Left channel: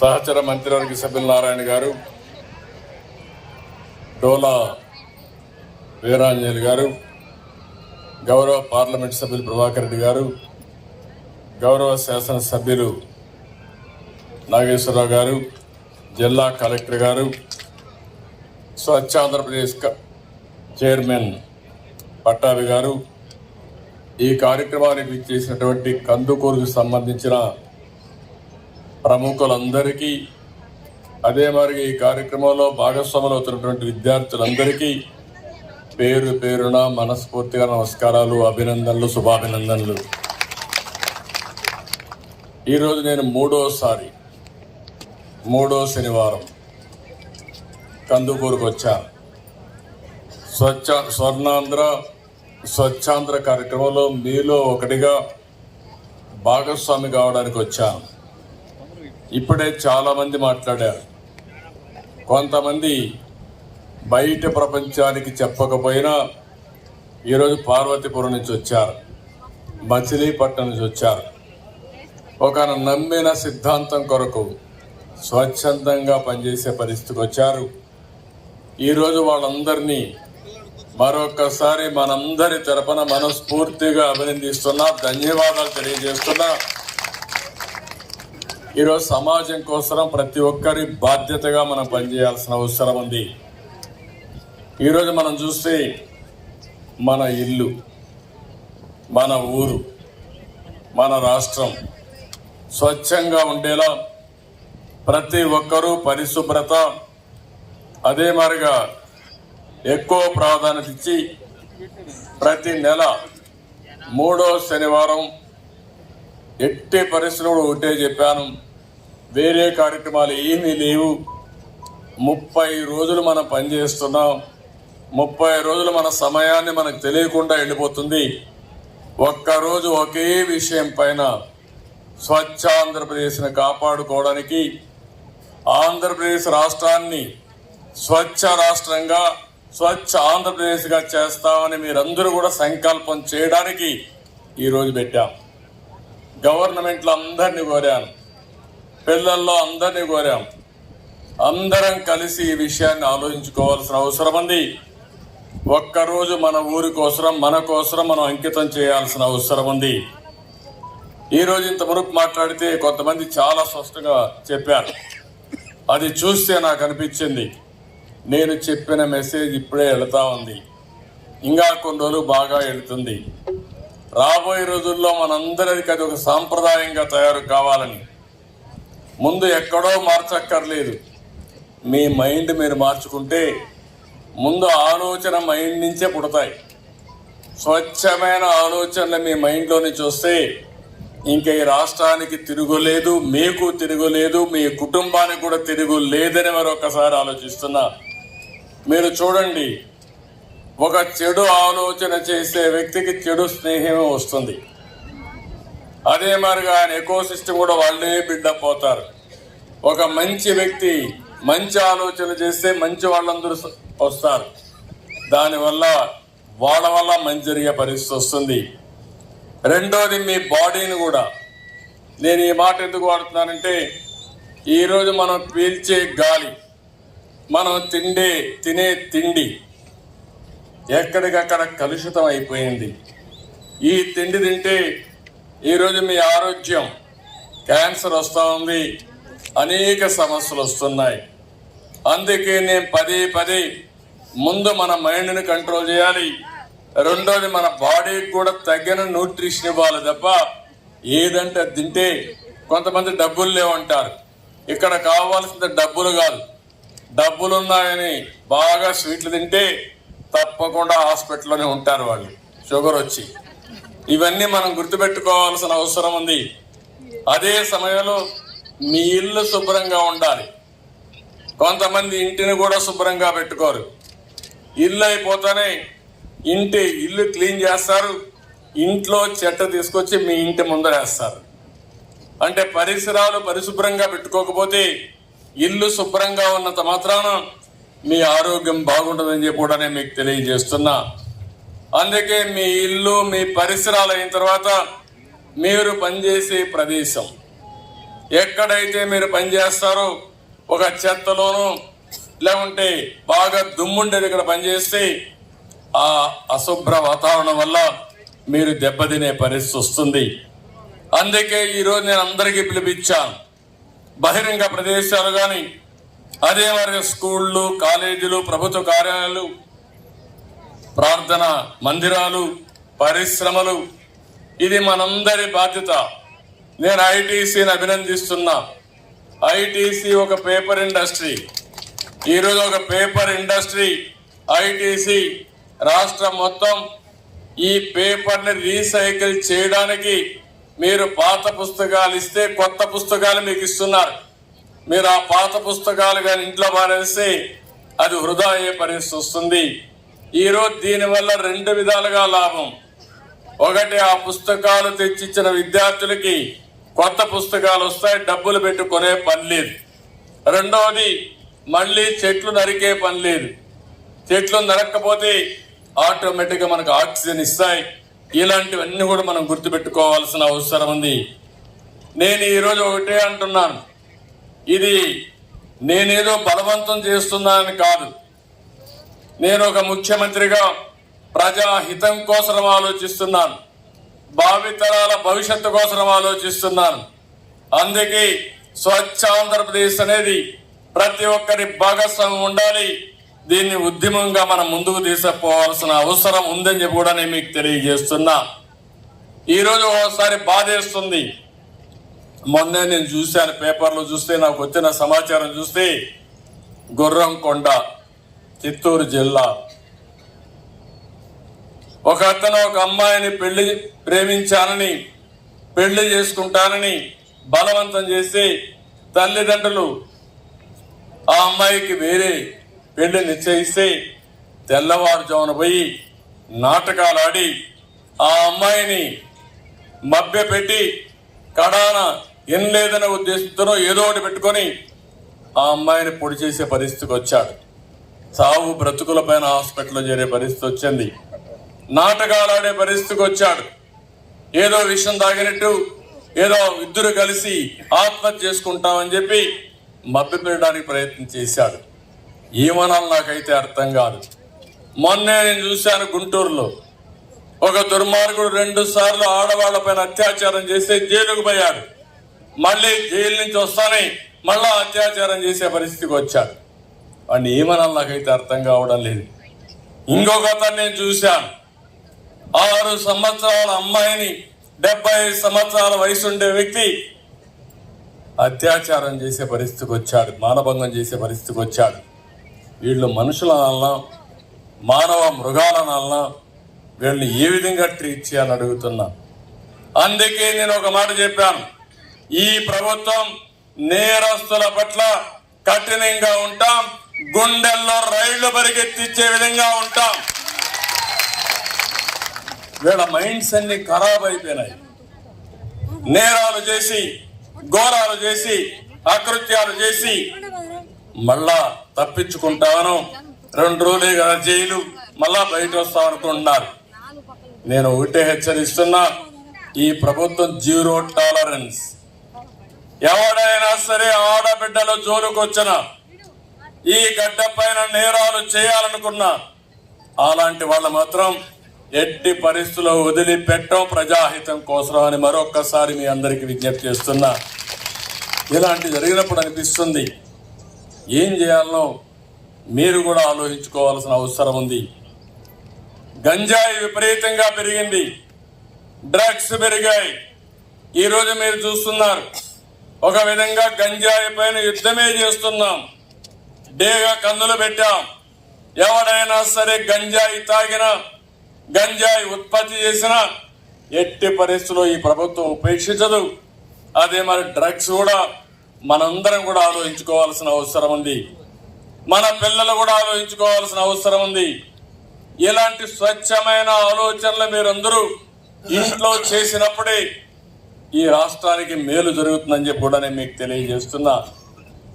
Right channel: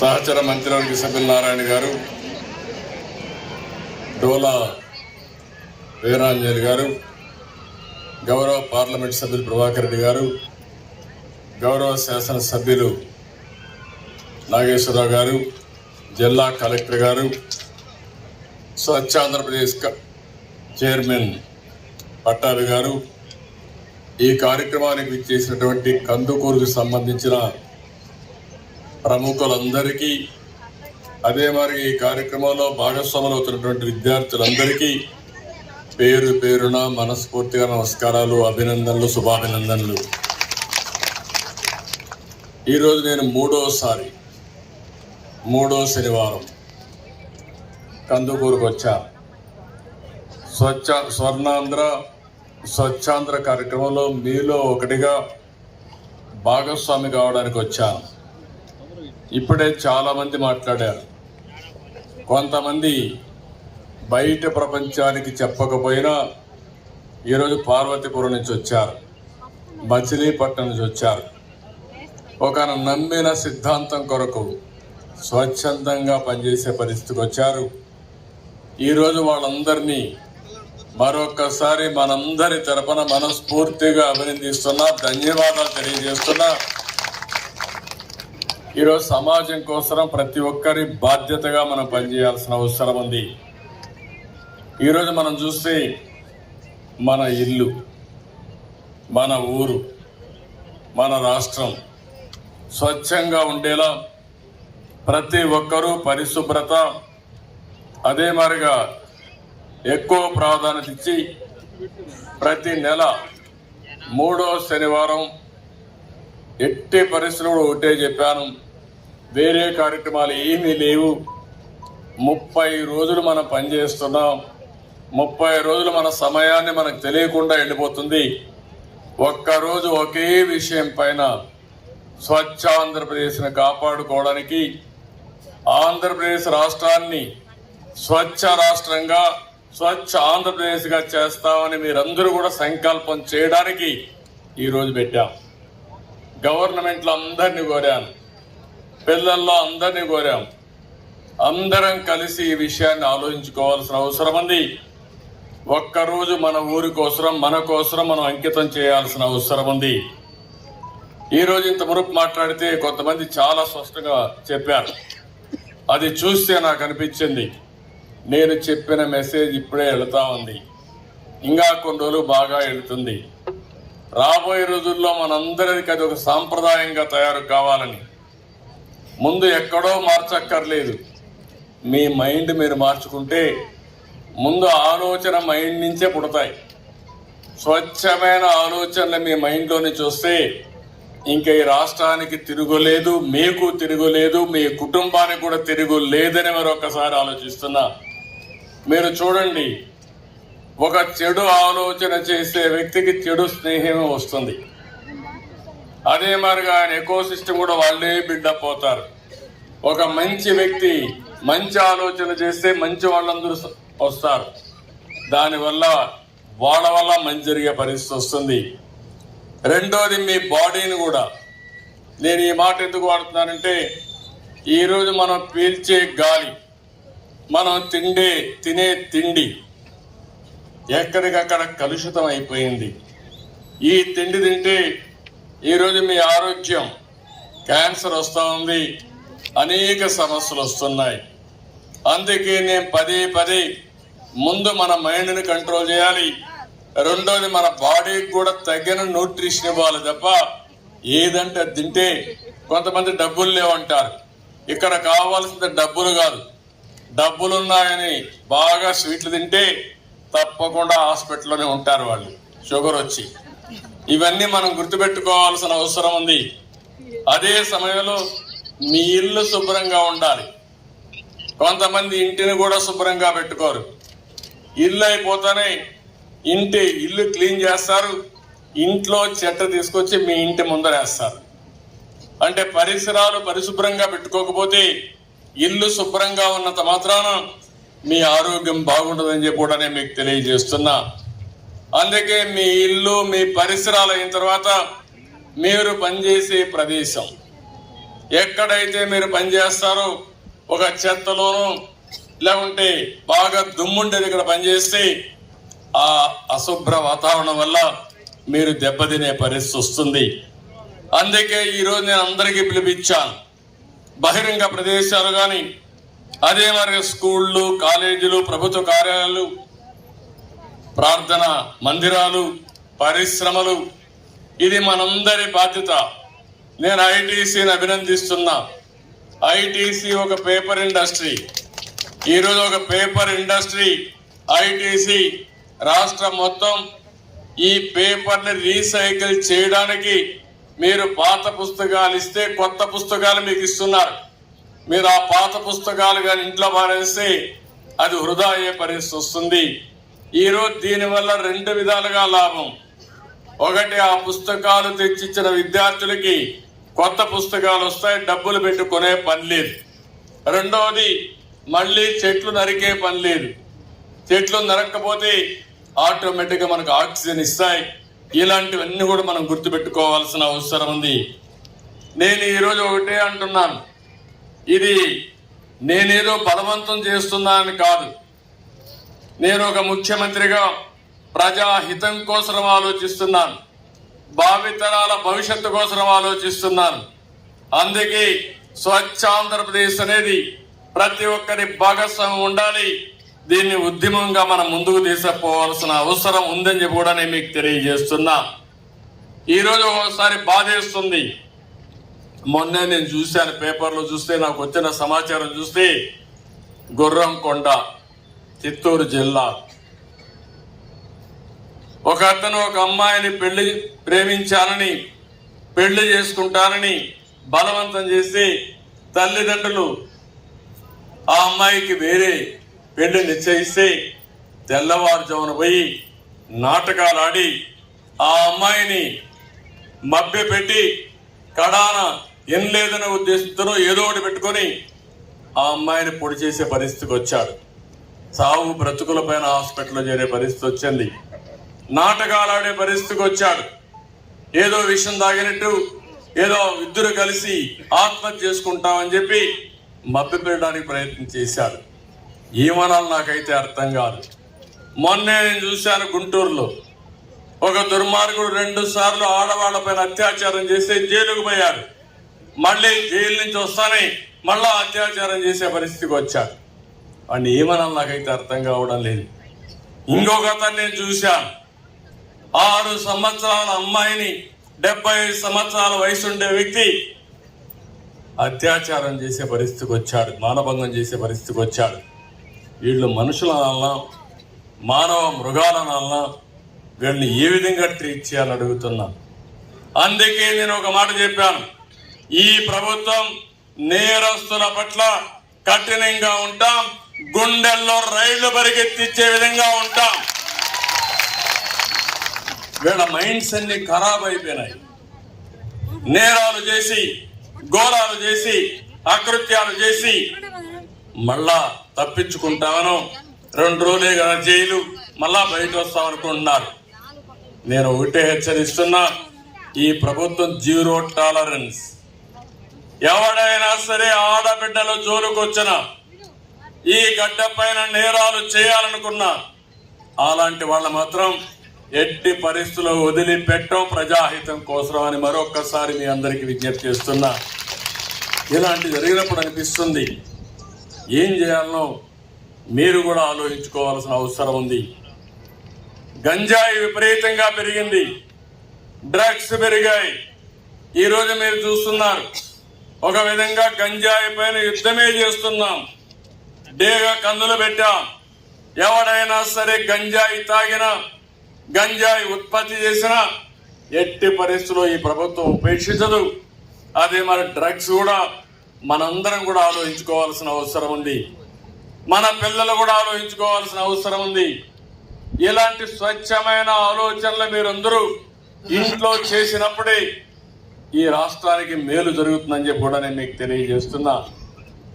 సహచర మంత్రివర్గ సభ్యులు నారాయణ గారు, డోలా వీరాంజలి గారు, గౌరవ పార్లమెంట్ సభ్యులు ప్రభాకర్ రెడ్డి గారు, గౌరవ శాసనసభ్యులు నాగేశ్వరరావు గారు, జిల్లా కలెక్టర్ గారు, స్వచ్ఛ ఆంధ్రప్రదేశ్ చైర్మన్ పట్టాభి గారు, ఈ కార్యక్రమానికి చేసినటువంటి కందుకూరుకు సంబంధించిన ప్రముఖులందరికీ, అదే మరి ఈ కార్యక్రమంలో భాగస్వాములు అవుతున్నటువంటి విద్యార్థులందరికీ పేరు పేరున మనస్ఫూర్తిగా నమస్కారాలు, అభినందనలు, శుభాభినందనలు. ఈరోజు నేను మూడో శనివారం కందుకూరుకు వచ్చా. స్వచ్ఛాంధ్ర కార్యక్రమంలో మీలో ఒకటిగా భాగస్వామి కావడానికి వచ్చాను. ఇప్పుడే చాలామంది మాట్లాడారు. కొంతమంది బయట ప్రపంచానికి చెప్పకపోయినా ఈరోజు పార్వతీపురం నుంచి వచ్చారు, మచిలీపట్నం నుంచి వచ్చారు. ఒక నమ్మిన సిద్ధాంతం కొరకు స్వచ్ఛందంగా పనిచేసే పరిస్థితికి వచ్చారు. ఈరోజు వాళ్ళందరినీ మరొకసారి మనందరి తరపున మనస్ఫూర్తిగా అభినందిస్తున్నా, ధన్యవాదాలు తెలియజేస్తున్నా. ఈరోజు సమాజం కోసం ప్రతి ఒక్కరి బాధ్యతగా మనం పనిచేయాల్సిన అవసరం ఉంది. ఈరోజు మనం చూస్తే మన ఇల్లు, మన ఊరు, మన రాష్ట్రం స్వచ్ఛంగా ఉండేలా ప్రతి ఒక్కరూ పరిశుభ్రత అదే మాదిరిగా ఎక్కువ ప్రాధాన్యత ఇచ్చి ప్రతి నెల 3వ శనివారం ఎట్టి పరిస్థితులు ఒకటే చెప్పాను, వేరే కార్యక్రమాలు ఏమీ లేవు. 30 రోజులు మనం పనిచేస్తున్నాం. 30 రోజులు మన సమయాన్ని మనకు తెలియకుండా వెళ్ళిపోతుంది. ఒక్కరోజు ఒకే విషయం పైన స్వచ్ఛ ఆంధ్రప్రదేశ్ని కాపాడుకోవడానికి, ఆంధ్రప్రదేశ్ రాష్ట్రాన్ని స్వచ్ఛ రాష్ట్రంగా, స్వచ్ఛ ఆంధ్రప్రదేశ్గా చేస్తామని మీరందరూ కూడా సంకల్పం చేయడానికి ఈరోజు పెట్టాం. గవర్నమెంట్లో అందరినీ కోరాను, పిల్లల్లో అందరినీ కోరాం. అందరం కలిసి ఈ విషయాన్ని ఆలోచించుకోవాల్సిన అవసరం ఉంది. ఒక్కరోజు మన ఊరి కోసం, మన కోసం మనం అంకితం చేయాల్సిన అవసరం ఉంది. ఈరోజు ఇంత మురుపు మాట్లాడితే కొంతమంది చాలా స్పష్టంగా చెప్పారు. అది చూస్తే నాకు అనిపించింది, నేను చెప్పిన మెసేజ్ ఇప్పుడే వెళుతూ ఉంది, ఇంకా కొన్ని రోజులు బాగా వెళుతుంది. రాబోయే రోజుల్లో మనందరికీ అది ఒక సాంప్రదాయంగా తయారు కావాలని. ముందు ఎక్కడో మార్చక్కర్లేదు, మీ మైండ్ మీరు మార్చుకుంటే ముందు ఆలోచన మైండ్ నుంచే పుడతాయి. స్వచ్ఛమైన ఆలోచనలు మీ మైండ్లోని చూస్తే ఇంకా ఈ రాష్ట్రానికి తిరుగులేదు, మీకు తిరుగులేదు, మీ కుటుంబానికి కూడా తిరుగులేదని మరొకసారి ఆలోచిస్తున్నా. మీరు చూడండి, ఒక చెడు ఆలోచన చేసే వ్యక్తికి చెడు స్నేహమే వస్తుంది. అదే మరిగా ఆయన ఎకోసిస్టమ్ కూడా వాళ్ళే బిల్డప్ అవుతారు. ఒక మంచి వ్యక్తి మంచి ఆలోచన చేస్తే మంచి వాళ్ళందరూ వస్తారు. దానివల్ల వాళ్ళ వల్ల మంచి జరిగే పరిస్థితి వస్తుంది. రెండోది, మీ బాడీని కూడా, నేను ఈ మాట ఎందుకు వాడుతున్నానంటే, ఈరోజు మనం పీల్చే గాలి, మనం తినే తిండి ఎక్కడికక్కడ కలుషితం అయిపోయింది. ఈ తిండి తింటే ఈరోజు మీ ఆరోగ్యం, క్యాన్సర్ వస్తూ ఉంది, అనేక సమస్యలు వస్తున్నాయి. అందుకే నేను పదే ముందు మన మైండ్ని కంట్రోల్ చేయాలి. రెండోది, మన బాడీకి కూడా తగిన న్యూట్రిషన్ ఇవ్వాలి తప్ప ఏదంటే తింటే. కొంతమంది డబ్బులు లేవంటారు. ఇక్కడ కావాల్సింది డబ్బులు కాదు, డబ్బులున్నాయని బాగా స్వీట్లు తింటే తప్పకుండా హాస్పిటల్లోనే ఉంటారు వాళ్ళు, షుగర్ వచ్చి. ఇవన్నీ మనం గుర్తుపెట్టుకోవాల్సిన అవసరం ఉంది. అదే సమయంలో మీ ఇల్లు శుభ్రంగా ఉండాలి. కొంతమంది ఇంటిని కూడా శుభ్రంగా పెట్టుకోరు. ఇల్లు అయిపోతానే ఇల్లు క్లీన్ చేస్తారు, ఇంట్లో చెత్త తీసుకొచ్చి మీ ఇంటి ముందరేస్తారు. అంటే పరిసరాలు పరిశుభ్రంగా పెట్టుకోకపోతే, ఇల్లు శుభ్రంగా ఉన్నంత మాత్రాన మీ ఆరోగ్యం బాగుంటుందని చెప్పి కూడా నేను మీకు తెలియజేస్తున్నా. అందుకే మీ ఇల్లు, మీ పరిసరాలు అయిన తర్వాత మీరు పనిచేసే ప్రదేశం, ఎక్కడైతే మీరు పనిచేస్తారో ఒక చెత్తలోనూ లేకుంటే బాగా దుమ్ముండే దగ్గర పనిచేస్తే ఆ అశుభ్ర వాతావరణం వల్ల మీరు దెబ్బతినే పరిస్థితి వస్తుంది. అందుకే ఈరోజు నేను అందరికీ పిలిపించాను. బహిరంగ ప్రదేశాలు కానీ, అదే మరి స్కూళ్ళు, కాలేజీలు, ప్రభుత్వ కార్యాలయాలు, ప్రార్థన మందిరాలు, పరిశ్రమలు, ఇది మనందరి బాధ్యత. నేను ఐటీసీని అభినందిస్తున్నా. ఐటీసీ ఒక పేపర్ ఇండస్ట్రీ. ఈరోజు ఒక పేపర్ ఇండస్ట్రీ ఐటీసీ రాష్ట్రం మొత్తం ఈ పేపర్ని రీసైకిల్ చేయడానికి మీరు పాత పుస్తకాలు ఇస్తే కొత్త పుస్తకాలు మీకు ఇస్తున్నారు. మీరు ఆ పాత పుస్తకాలు కానీ ఇంట్లో పారేస్తే అది వృధా అయ్యే పరిస్థితి వస్తుంది. ఈరోజు దీనివల్ల 2 విధాలుగా లాభం. ఒకటి, ఆ పుస్తకాలు తెచ్చిచ్చిన విద్యార్థులకి కొత్త పుస్తకాలు వస్తాయి, డబ్బులు పెట్టుకునే పని లేదు. రెండవది, మళ్ళీ చెట్లు నరికే పని లేదు. చెట్లు నరక్కపోతే ఆటోమేటిక్గా మనకు ఆక్సిజన్ ఇస్తాయి. ఇలాంటివన్నీ కూడా మనం గుర్తుపెట్టుకోవాల్సిన అవసరం ఉంది. నేను ఈరోజు ఒకటే అంటున్నాను, ఇది నేనేదో బలవంతం చేస్తున్నానని కాదు. నేను ఒక ముఖ్యమంత్రిగా ప్రజాహితం కోసం ఆలోచిస్తున్నాను, భావితరాల భవిష్యత్తు కోసం ఆలోచిస్తున్నాను. అందుకే స్వచ్ఛ ఆంధ్రప్రదేశ్ అనేది ప్రతి ఒక్కరి భాగస్వామ్యం ఉండాలి. దీన్ని ఉద్యమంగా మనం ముందుకు తీసుకుపోవాల్సిన అవసరం ఉందని చెప్పి కూడా నేను మీకు తెలియజేస్తున్నా. ఈరోజు ఒకసారి బాధేస్తుంది. మొన్నే నేను చూశాను, పేపర్లో చూస్తే నాకు వచ్చిన సమాచారం చూస్తే, గుర్రంకొండ, చిత్తూరు జిల్లా, ఒక అతను ఒక అమ్మాయిని ప్రేమించానని, పెళ్లి చేసుకుంటానని బలవంతం చేసి తల్లిదండ్రులు ఆ అమ్మాయికి వేరే పెళ్లి నిశ్చయిస్తే తెల్లవారుజామున పోయి నాటకాలు ఆడి ఆ అమ్మాయిని మభ్యపెట్టి కడాన ఏం లేదనే ఉద్దేశంతో ఏదో ఒకటి పెట్టుకొని ఆ అమ్మాయిని పొడి చేసే పరిస్థితికి వచ్చాడు. సావు బ్రతుకుల పైన హాస్పిటల్లో చేరే పరిస్థితి వచ్చింది. నాటకాలు ఆడే పరిస్థితికి వచ్చాడు. ఏదో విషయం తాగినట్టు ఏదో ఇద్దరు కలిసి ఆత్మహత్య చేసుకుంటామని చెప్పి మభ్యపెట్టడానికి ప్రయత్నం చేశాడు. ఏమనాలి నాకైతే అర్థం కాదు. మొన్నే నేను చూశాను, గుంటూరులో ఒక దుర్మార్గుడు 2 సార్లు ఆడవాళ్లపైన అత్యాచారం చేస్తే జైలుకు పోయాడు. మళ్ళీ జైలు నుంచి వస్తానే మళ్ళా అత్యాచారం చేసే పరిస్థితికి వచ్చాడు. వాడిని ఏమనాలి నాకైతే అర్థం కావడం లేదు. ఇంకొక అతను నేను చూశాను, 6 సంవత్సరాల అమ్మాయిని 75 సంవత్సరాల వయసు ఉండే వ్యక్తి అత్యాచారం చేసే పరిస్థితికి వచ్చాడు, మానభంగం చేసే పరిస్థితికి వచ్చాడు. వీళ్ళు మనుషులనల్లా మానవ మృగాలనల్లా వీళ్ళని ఏ విధంగా ట్రీట్ చేయాలని అడుగుతున్నా. అందుకే నేను ఒక మాట చెప్పాను, ఈ ప్రభుత్వం నేరస్తుల పట్ల కఠినంగా ఉంటాం, గుండెల్లో రైళ్లు పరిగెత్తిచ్చే విధంగా ఉంటాం. వీళ్ళ మైండ్స్ అన్ని ఖరాబ్ అయిపోయినాయి. నేరాలు చేసి, ఘోరాలు చేసి, అకృత్యాలు చేసి మళ్ళా తప్పించుకుంటామను 2 రోజులే కదా జైలు, మళ్ళా బయట వస్తాం అనుకుంటున్నారు. నేను ఒకటే హెచ్చరిస్తున్నా, ఈ ప్రభుత్వం 0 టాలరెన్స్. ఎవడైనా సరే ఆడబిడ్డల జోలుకొచ్చిన, ఈ గడ్డ పైన నేరాలు చేయాలనుకున్నా అలాంటి వాళ్ళ మాత్రం ఎట్టి పరిస్థితుల్లో వదిలిపెట్టం, ప్రజాహితం కోసం అని మరొక్కసారి మీ అందరికీ విజ్ఞప్తి చేస్తున్నా. ఇలాంటి జరిగినప్పుడు అనిపిస్తుంది, ఏం చేయాలనో మీరు కూడా ఆలోచించుకోవాల్సిన అవసరం ఉంది. గంజాయి విపరీతంగా పెరిగింది, డ్రగ్స్ పెరిగాయి. ఈరోజు మీరు చూస్తున్నారు, ఒక విధంగా గంజాయి పైన యుద్ధమే చేస్తున్నాం. డేగా కందులు పెట్టాం. ఎవడైనా సరే గంజాయి తాగినా, గంజాయి ఉత్పత్తి చేసినా ఎట్టి పరిస్థితుల్లో ఈ ప్రభుత్వం ఉపేక్షించదు. అదే మరి డ్రగ్స్ కూడా మనందరం కూడా ఆలోచించుకోవాల్సిన అవసరం ఉంది. మన పిల్లలు కూడా ఆలోచించుకోవాల్సిన అవసరం ఉంది. ఇలాంటి స్వచ్ఛమైన ఆలోచనలు మీరందరూ ఇంట్లో చేసినప్పుడే ఈ రాష్ట్రానికి మేలు జరుగుతుందని చెప్పి కూడా నేను మీకు తెలియజేస్తున్నా.